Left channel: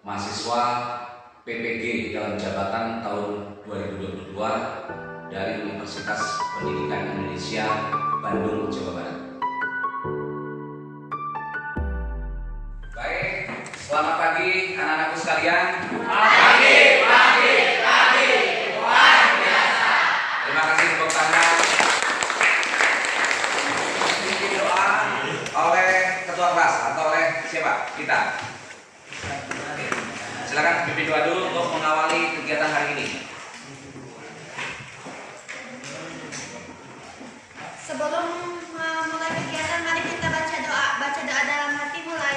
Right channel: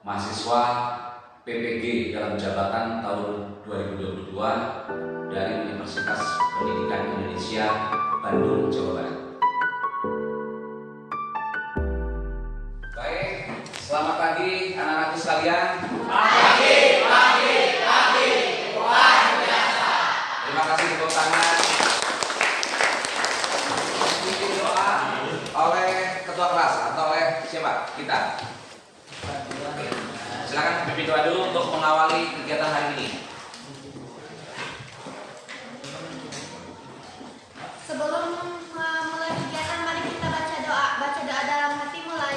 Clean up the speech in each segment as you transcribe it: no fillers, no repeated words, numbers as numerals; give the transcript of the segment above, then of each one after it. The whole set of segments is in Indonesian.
mahasiswa PPG dalam jabatan tahun 2022 dari Universitas Pendidikan Indonesia, Bandung, Jawa Barat. Baik, selamat pagi anak-anakku sekalian. Pagi. Luar biasa. Terima kasih tepuk tangan. Dipimpin doa oleh ketua kelas atau oleh siapa? Kita. Oke. Silakan pimpin doa dulu untuk mengawali kegiatan hari ini. Sebelum mulai kegiatan, mari kita baca doa. Baca doa dalam hati, mulai.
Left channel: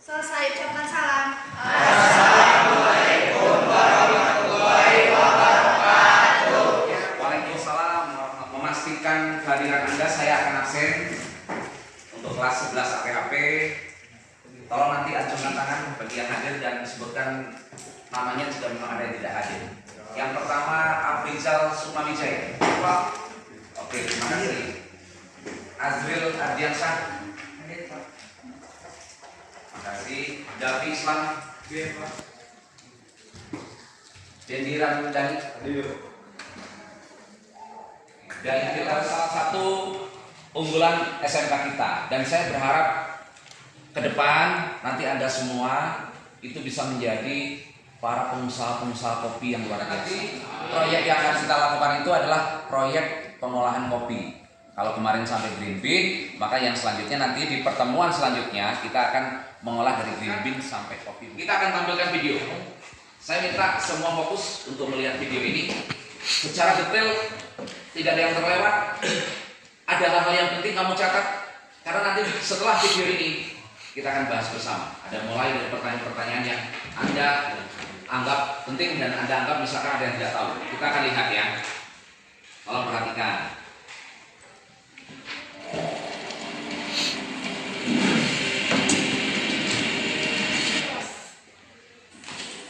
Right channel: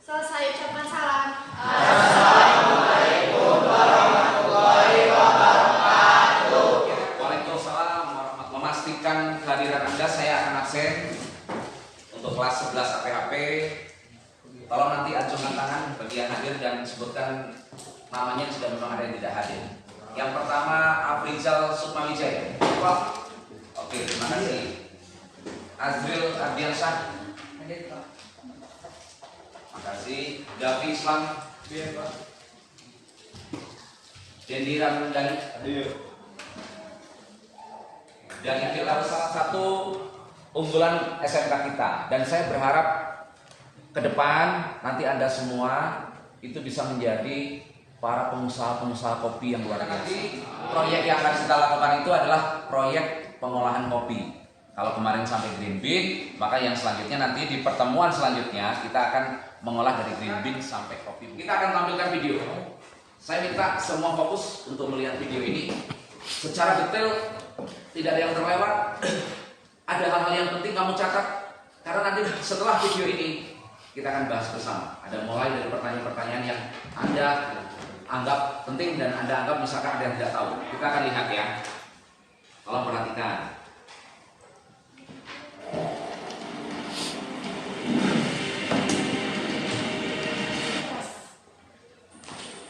Selesai, ucapkan salam. Assalamualaikum warahmatullahi wabarakatuh. Waalaikumsalam. Memastikan kehadiran Anda, saya akan absen untuk kelas 11 APHP. Tolong nanti acungkan tangan bagi yang hadir dan sebutkan namanya jika memang ada yang tidak hadir. Yang pertama, Afrizal Sukmawijaya. Oke, terima kasih. Azril Ardiansyah. Terima kasih. Davi Islam. Dendi Ramdhani. Dan ini adalah salah satu unggulan SMK kita. Dan saya berharap ke depan nanti Anda semua itu bisa menjadi para pengusaha-pengusaha kopi yang luar biasa. Nanti proyek yang akan kita lakukan itu adalah proyek pengolahan kopi. Kalau kemarin sampai green bean, maka yang selanjutnya nanti di pertemuan selanjutnya kita akan mengolah dari green bean sampai kopi. Kita akan tampilkan video. Saya minta semua fokus untuk melihat video ini secara detail, tidak ada yang terlewat. Ada hal-hal yang penting kamu catat, karena nanti setelah video ini kita akan bahas bersama. Ada mulai dari pertanyaan-pertanyaan yang Anda anggap penting dan Anda anggap misalkan ada yang tidak tahu. Kita akan lihat ya. Tolong perhatikan.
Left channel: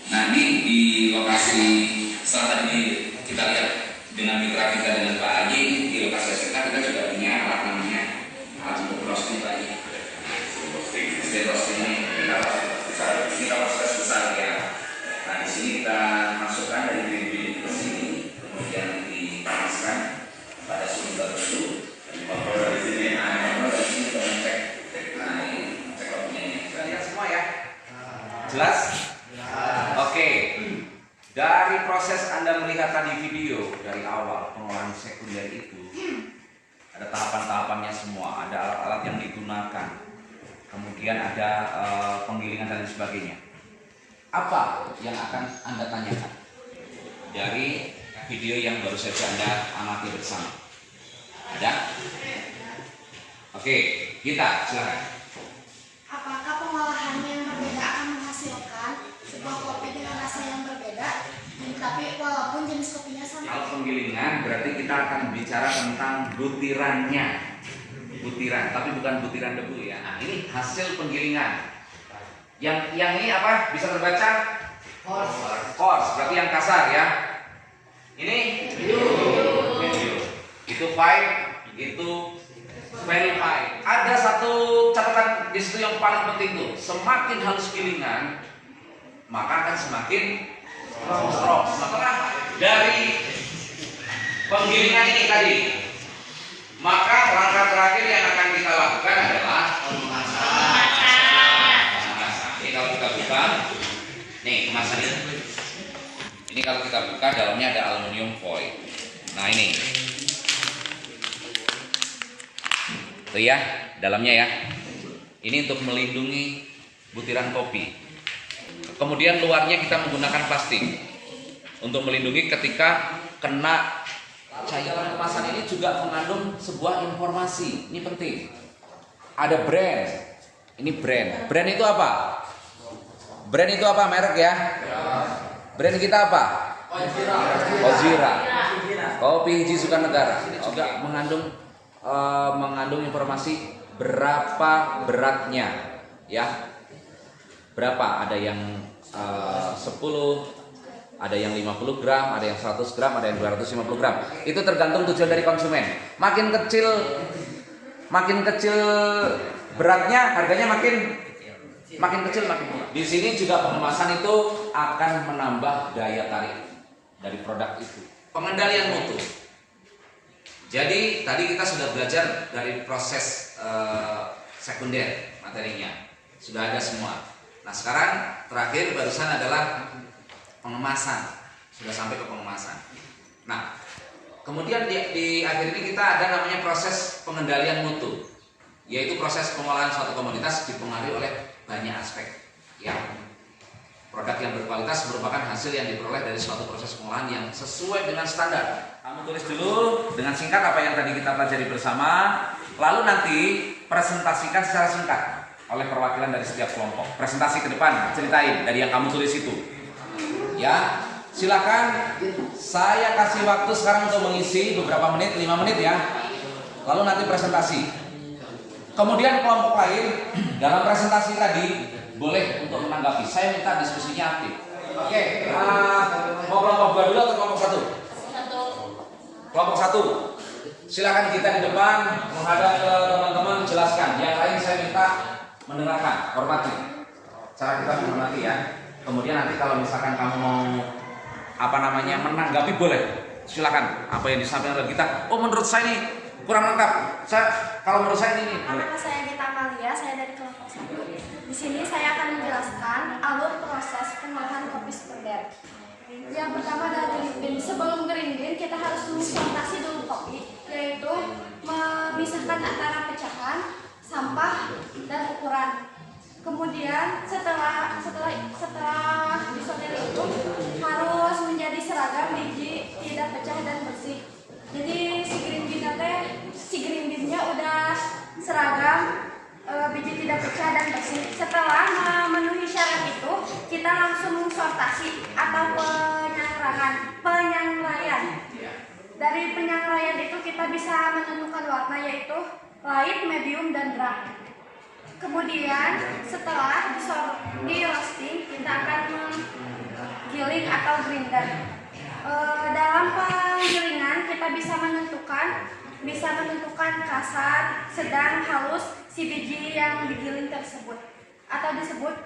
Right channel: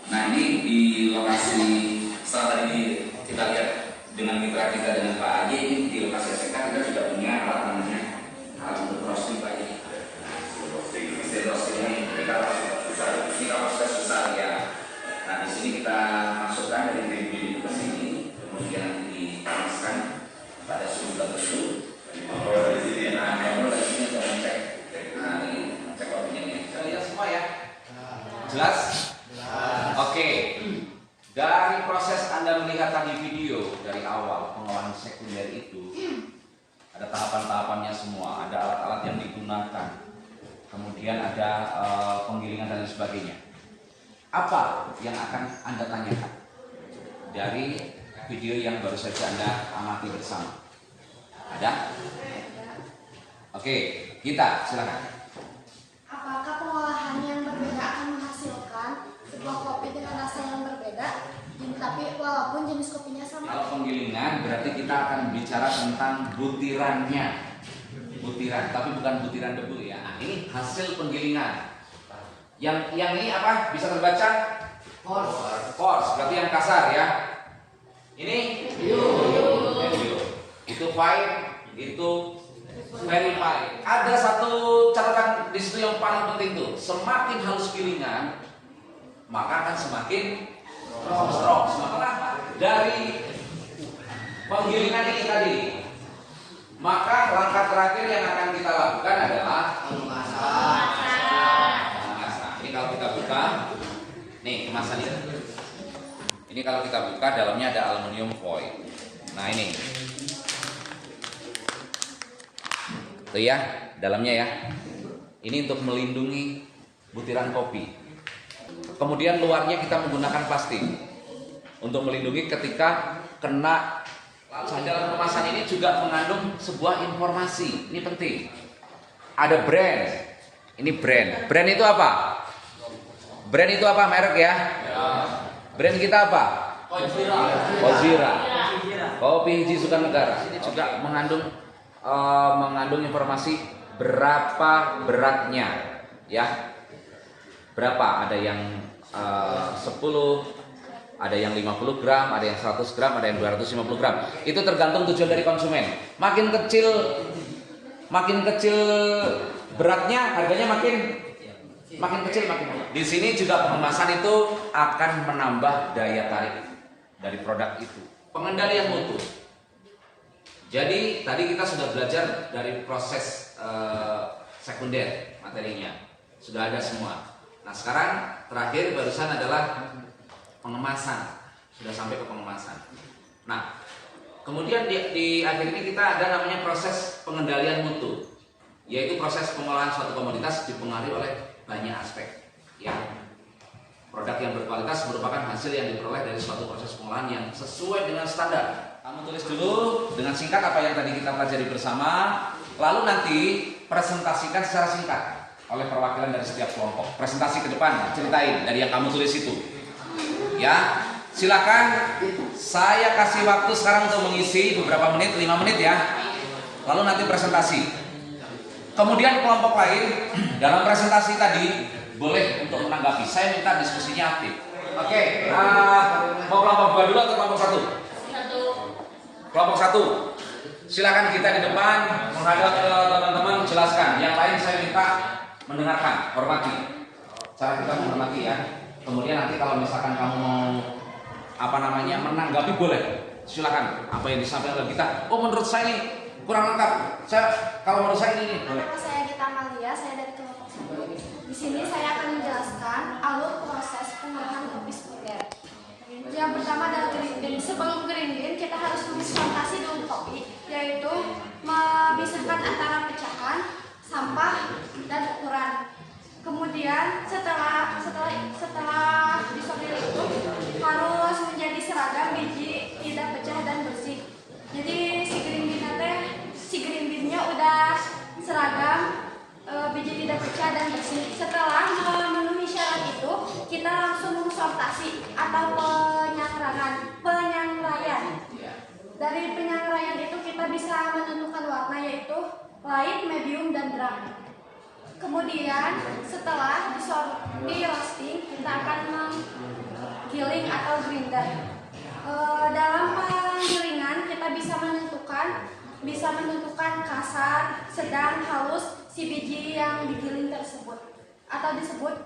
Nah, ini di lokasi setelah tadi kita lihat dengan mitra kita dengan Pak Adi, di lokasi SMK kita juga punya alat namanya alat untuk roasting tadi. Roasting ini kapasitas besar ya. Nah, di sini kita masukkan dari green ke sini, kemudian dipanaskan pada suhu tertentu. Dari sini, dari sini kita ngecek. Nah, ini cek kopinya. Kita lihat semua ya. Jelas? Oke. Dari proses Anda melihat tadi video dari awal pengolahan sekunder itu, ada tahapan-tahapannya semua, ada alat-alat yang digunakan, kemudian ada penggilingan dan lain sebagainya. Apa yang akan Anda tanyakan dari video yang baru saja Anda amati bersama? Ada? Oke, kita silakan. Apakah pengolahan yang berbeda akan menghasilkan sebuah kopi dengan rasa yang berbeda, tapi walaupun jenis kopinya sama? Kalau penggilingan berarti kita akan bicara tentang butirannya, butiran, tapi bukan butiran debu ya. Nah, ini hasil penggilingan. Yang ini apa? Bisa terbaca? Coarse, berarti yang kasar ya. Ini medium. Itu fine, itu very fine. Ada satu catatan di situ yang paling penting tuh. Semakin halus gilingan, maka akan semakin strong. Maka dari penggilingan ini tadi, maka langkah terakhir yang akan kita lakukan adalah pemanasan. Ini kalau kita buka, nih kemasannya. Ini kalau kita buka, dalamnya ada aluminium foil. Nah ini, tuh ya, dalamnya ya. Ini untuk melindungi butiran kopi. Kemudian luarnya kita menggunakan plastik untuk melindungi ketika kena cairan. Kemasan ini juga mengandung sebuah informasi. Ini penting. Ada brand. Ini brand. Brand itu apa? Brand itu apa? Merek ya? Brand kita apa? Ozira. Kopi Hiji Sukanegara. Juga mengandung informasi berapa beratnya, ya. Berapa? Ada yang 10, Ada yang 50 gram, ada yang 100 gram, ada yang 250 gram. Itu tergantung tujuan dari konsumen. Makin kecil beratnya, harganya makin kecil makin murah. Di sini juga pengemasan itu akan menambah daya tarik dari produk itu. Pengendalian mutu. Jadi tadi kita sudah belajar dari proses sekunder materinya. Sudah ada semua. Nah sekarang terakhir barusan adalah pengemasan. Sudah sampai ke pengemasan. Nah kemudian di akhir ini kita ada namanya proses pengendalian mutu, yaitu proses pengolahan suatu komoditas dipengaruhi oleh banyak aspek. Ya, produk yang berkualitas merupakan hasil yang diperoleh dari suatu proses pengolahan yang sesuai dengan standar. Kamu tulis dulu dengan singkat apa yang tadi kita pelajari bersama, lalu nanti presentasikan secara singkat oleh perwakilan dari setiap kelompok. Presentasi ke depan, ceritain dari yang kamu tulis itu. Ya, silakan. Saya kasih waktu sekarang untuk mengisi beberapa menit, 5 menit ya. Lalu nanti presentasi. Kemudian kelompok lain dalam presentasi tadi boleh untuk menanggapi. Saya minta diskusinya aktif. Oke, mau kelompok 2 dulu atau kelompok 1? Kelompok 1. Silakan kita di depan menghadap ke teman-teman jelaskan. Yang lain saya minta mendengarkan, hormati. Cara kita menghormati ya. Kemudian nanti kalau misalkan kamu mau menanggapi boleh. Silakan. Apa yang disampaikan oleh kita? Oh menurut saya ini kurang lengkap. Kalau menurut saya ini. Nama saya Gita Amalia, saya dari kelompok 1. Di sini saya akan menjelaskan alur proses pengolahan kopi sekunder. Yang pertama adalah green bean. Sebelum green bean kita harus menfermentasi dulu kopi, yaitu memisahkan antara pecahan, sampah, dan ukuran. Kemudian setelah disortir itu harus menjadi seragam, biji tidak pecah dan bersih. Jadi si green bean-nya udah seragam, biji tidak pecah dan bersih. Setelah memenuhi syarat itu, kita langsung sortasi atau penyangraian. Dari penyangraian itu kita bisa menentukan warna, yaitu light, medium, dan dark. Kemudian setelah di roasting kita akan menggiling atau grinder. Dalam penggilingan kita bisa menentukan kasar, sedang, halus si biji yang digiling tersebut, atau disebut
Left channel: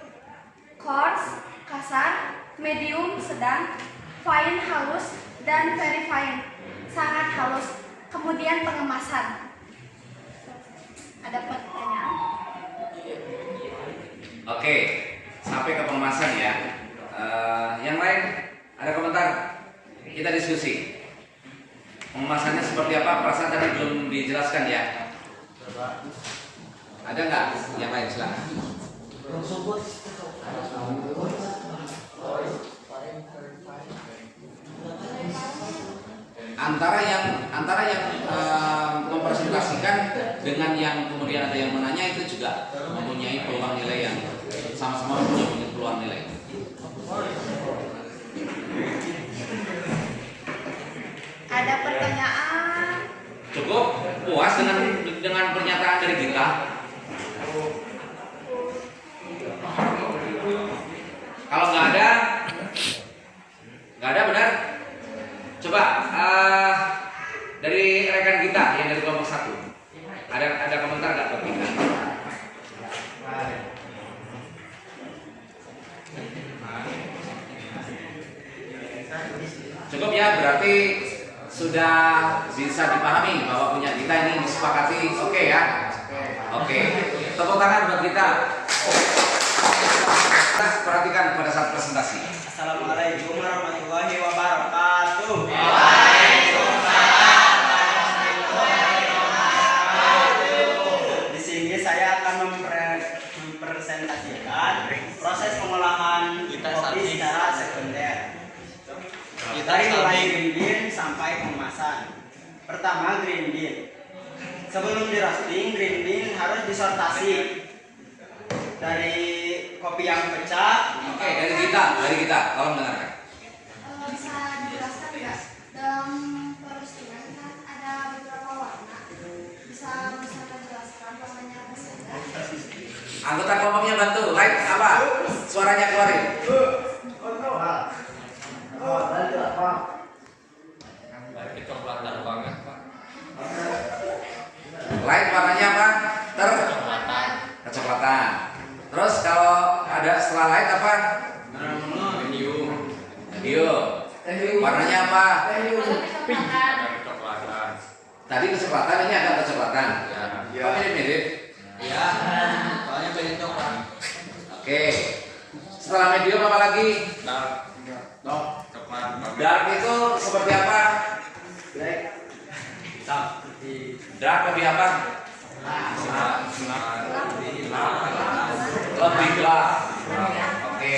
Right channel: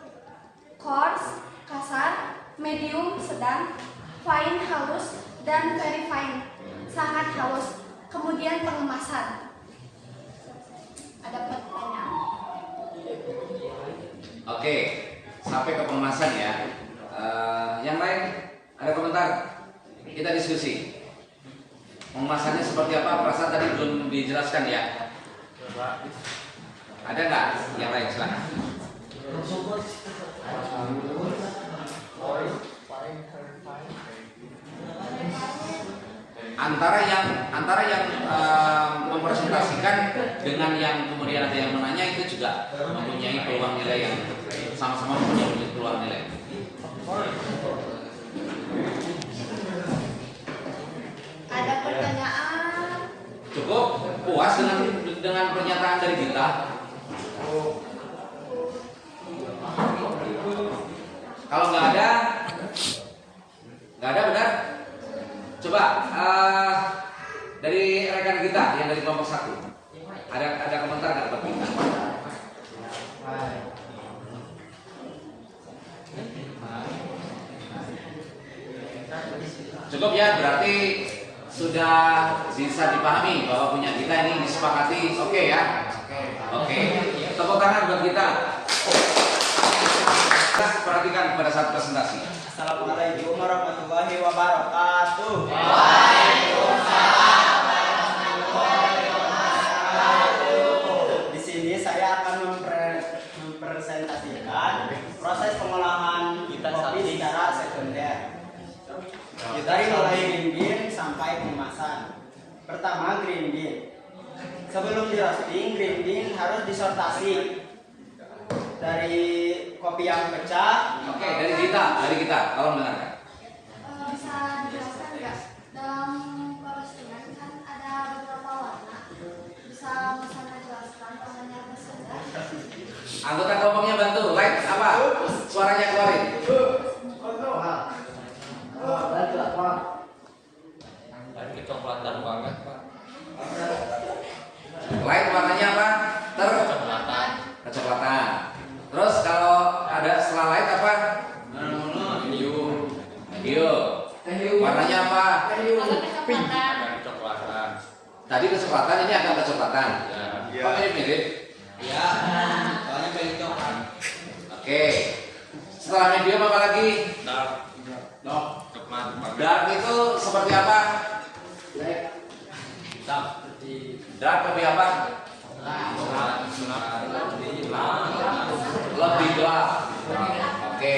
coarse, kasar, medium, sedang, fine, halus, dan very fine, sangat halus. Kemudian pengemasan. Ada pertanyaan? Oke, sampai ke pengemasan ya. Yang lain ada komentar? Kita diskusi. Pengemasannya seperti apa? Perasaan tadi belum dijelaskan ya. Ada nggak yang lain? Silakan. Antara yang mempresentasikan dengan yang kemudian ada yang menanya itu juga mempunyai peluang nilai yang sama-sama mempunyai peluang nilai. Ada pertanyaan? Cukup puas dengan pernyataan dari kita? Kalau nggak ada benar? Coba dari rekan kita yang dari kelompok 1 ada komentar nggak buat kita? Cukup ya, berarti sudah bisa dipahami bahwa punya kita ini disepakati. Oke ya? Oke. Tepuk tangan buat kita. Kita perhatikan pada saat presentasi. Assalamualaikum warahmatullahi wabarakatuh. Di sini saya akan mempresentasikan proses pengolahan kopi secara sekunder. Dari mulai green bean sampai pengemasan. Pertama, green bean. Sebelum di roasting, green bean harus disortasi dari kopi yang pecah. Oke, dari kita, tolong dengarkan. Bisa dijelaskan nggak? Dalam roastingan kan ada beberapa warna. Bisa menjelaskan warnanya apa saja? Anggota kelompoknya bantu, light apa? Suaranya keluarin. Tadi kecepatan, ini agak kecepatan. Ya. Kok mirip-mirip? Ya, soalnya pilih coklat. Oke. Setelah medium apa lagi? Coklat. Dark itu seperti apa? Dark lebih apa? Lebih gelap. Oke.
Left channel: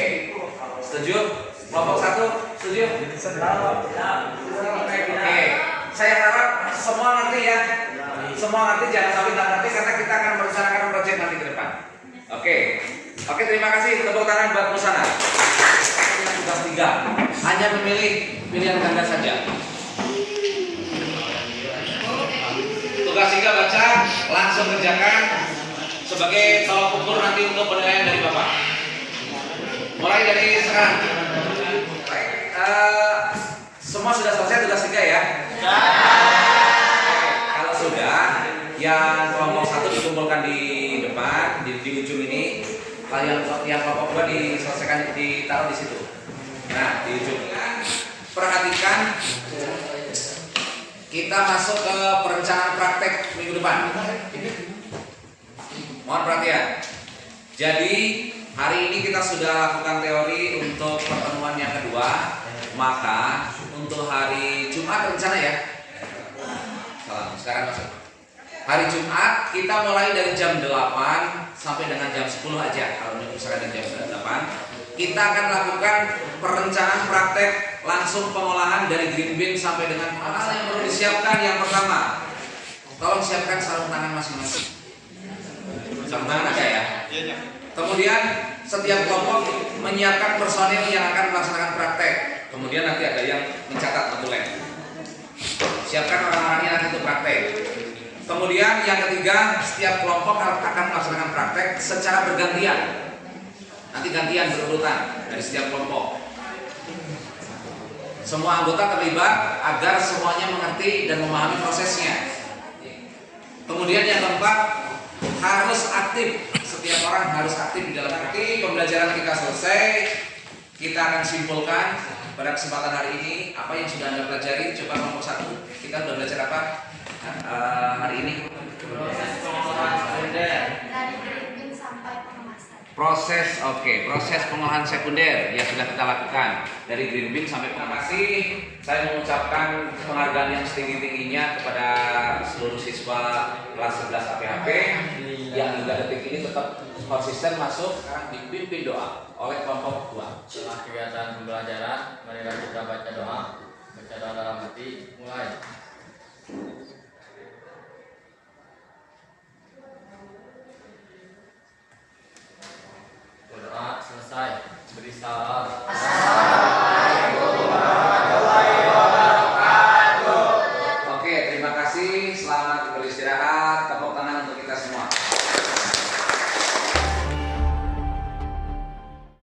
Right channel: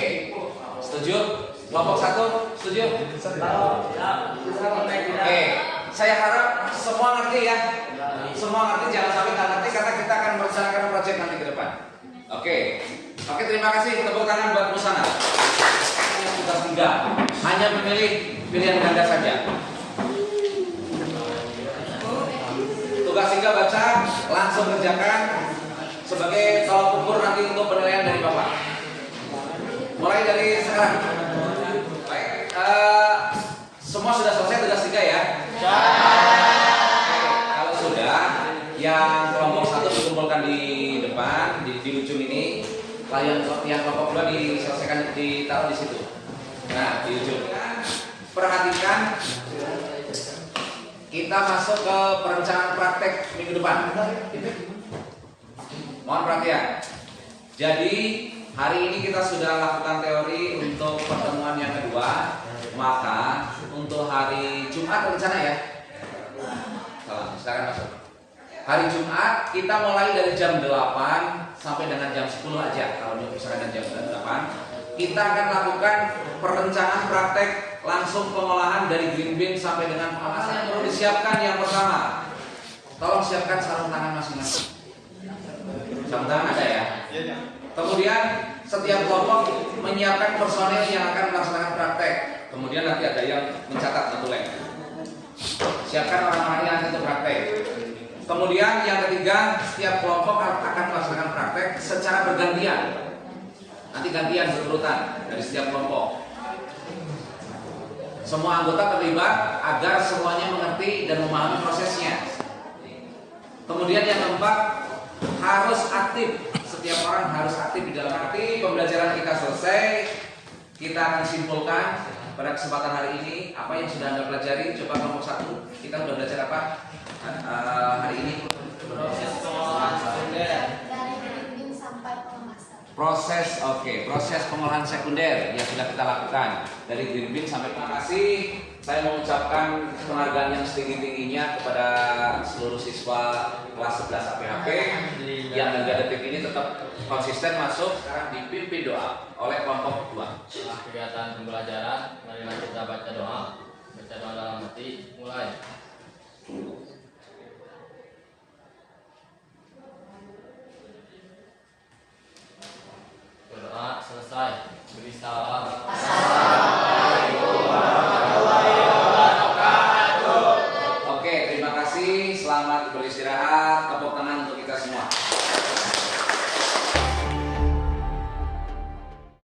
Setuju? Kelompok 1 setuju? Oke. Saya harap semua ngerti ya. Semua ngerti, jangan sampai nggak ngerti karena kita akan merencanakan proyek nanti ke depan. Oke. Oke, terima kasih. Tepuk tangan buat Musana. Tugas 3. Hanya memilih pilihan ganda saja. Tugas 3 baca, langsung kerjakan sebagai tolak ukur nanti untuk penilaian dari Bapak. Mulai dari sekarang. Baik, semua sudah selesai tugas 3 ya? Oke, kalau sudah, yang kelompok 1 dikumpulkan di depan, di ujung ini. Lalu yang kelompok 2 diselesaikan, ditaruh di situ. Nah, di ujung. Perhatikan, kita masuk ke perencanaan praktek minggu depan. Mohon perhatian. Jadi hari ini kita sudah lakukan teori untuk pertemuan yang kedua. Maka untuk hari Jumat rencana ya. Salam. Sekarang masuk. Hari Jumat kita mulai dari jam 8 sampai dengan jam 10 aja. Kalau misalkan jam 8, kita akan lakukan perencanaan praktek langsung pengolahan dari green bean sampai dengan pengemasan. Yang perlu disiapkan yang pertama, tolong siapkan sarung tangan masing-masing. Sarung tangan ada ya? Kemudian setiap kelompok menyiapkan personil yang akan melaksanakan praktek. Kemudian nanti ada yang mencatat notulen. Siapkan orang-orang yang nanti untuk praktek. Kemudian yang ketiga, setiap kelompok akan melaksanakan praktek secara bergantian. Nanti gantian berurutan dari setiap kelompok. Semua anggota terlibat agar semuanya mengerti dan memahami prosesnya. Kemudian yang keempat, harus aktif. Setiap orang harus aktif di dalam arti pembelajaran kita selesai. Kita akan simpulkan pada kesempatan hari ini apa yang sudah Anda pelajari. Coba kelompok 1, kita sudah belajar apa hari ini? Dari green bean sampai pengemasan. Proses, proses pengolahan sekunder yang sudah kita lakukan dari green bean sampai pengemasan. Saya mengucapkan penghargaan yang setinggi-tingginya kepada seluruh siswa kelas 11 APHP yang hingga detik ini tetap konsisten masuk. Sekarang dipimpin doa oleh kelompok 2. Setelah kegiatan pembelajaran, marilah kita baca doa. Baca doa dalam hati, mulai. Berdoa selesai. Beri salam. Oke, terima kasih. Selamat beristirahat. Tepuk tangan.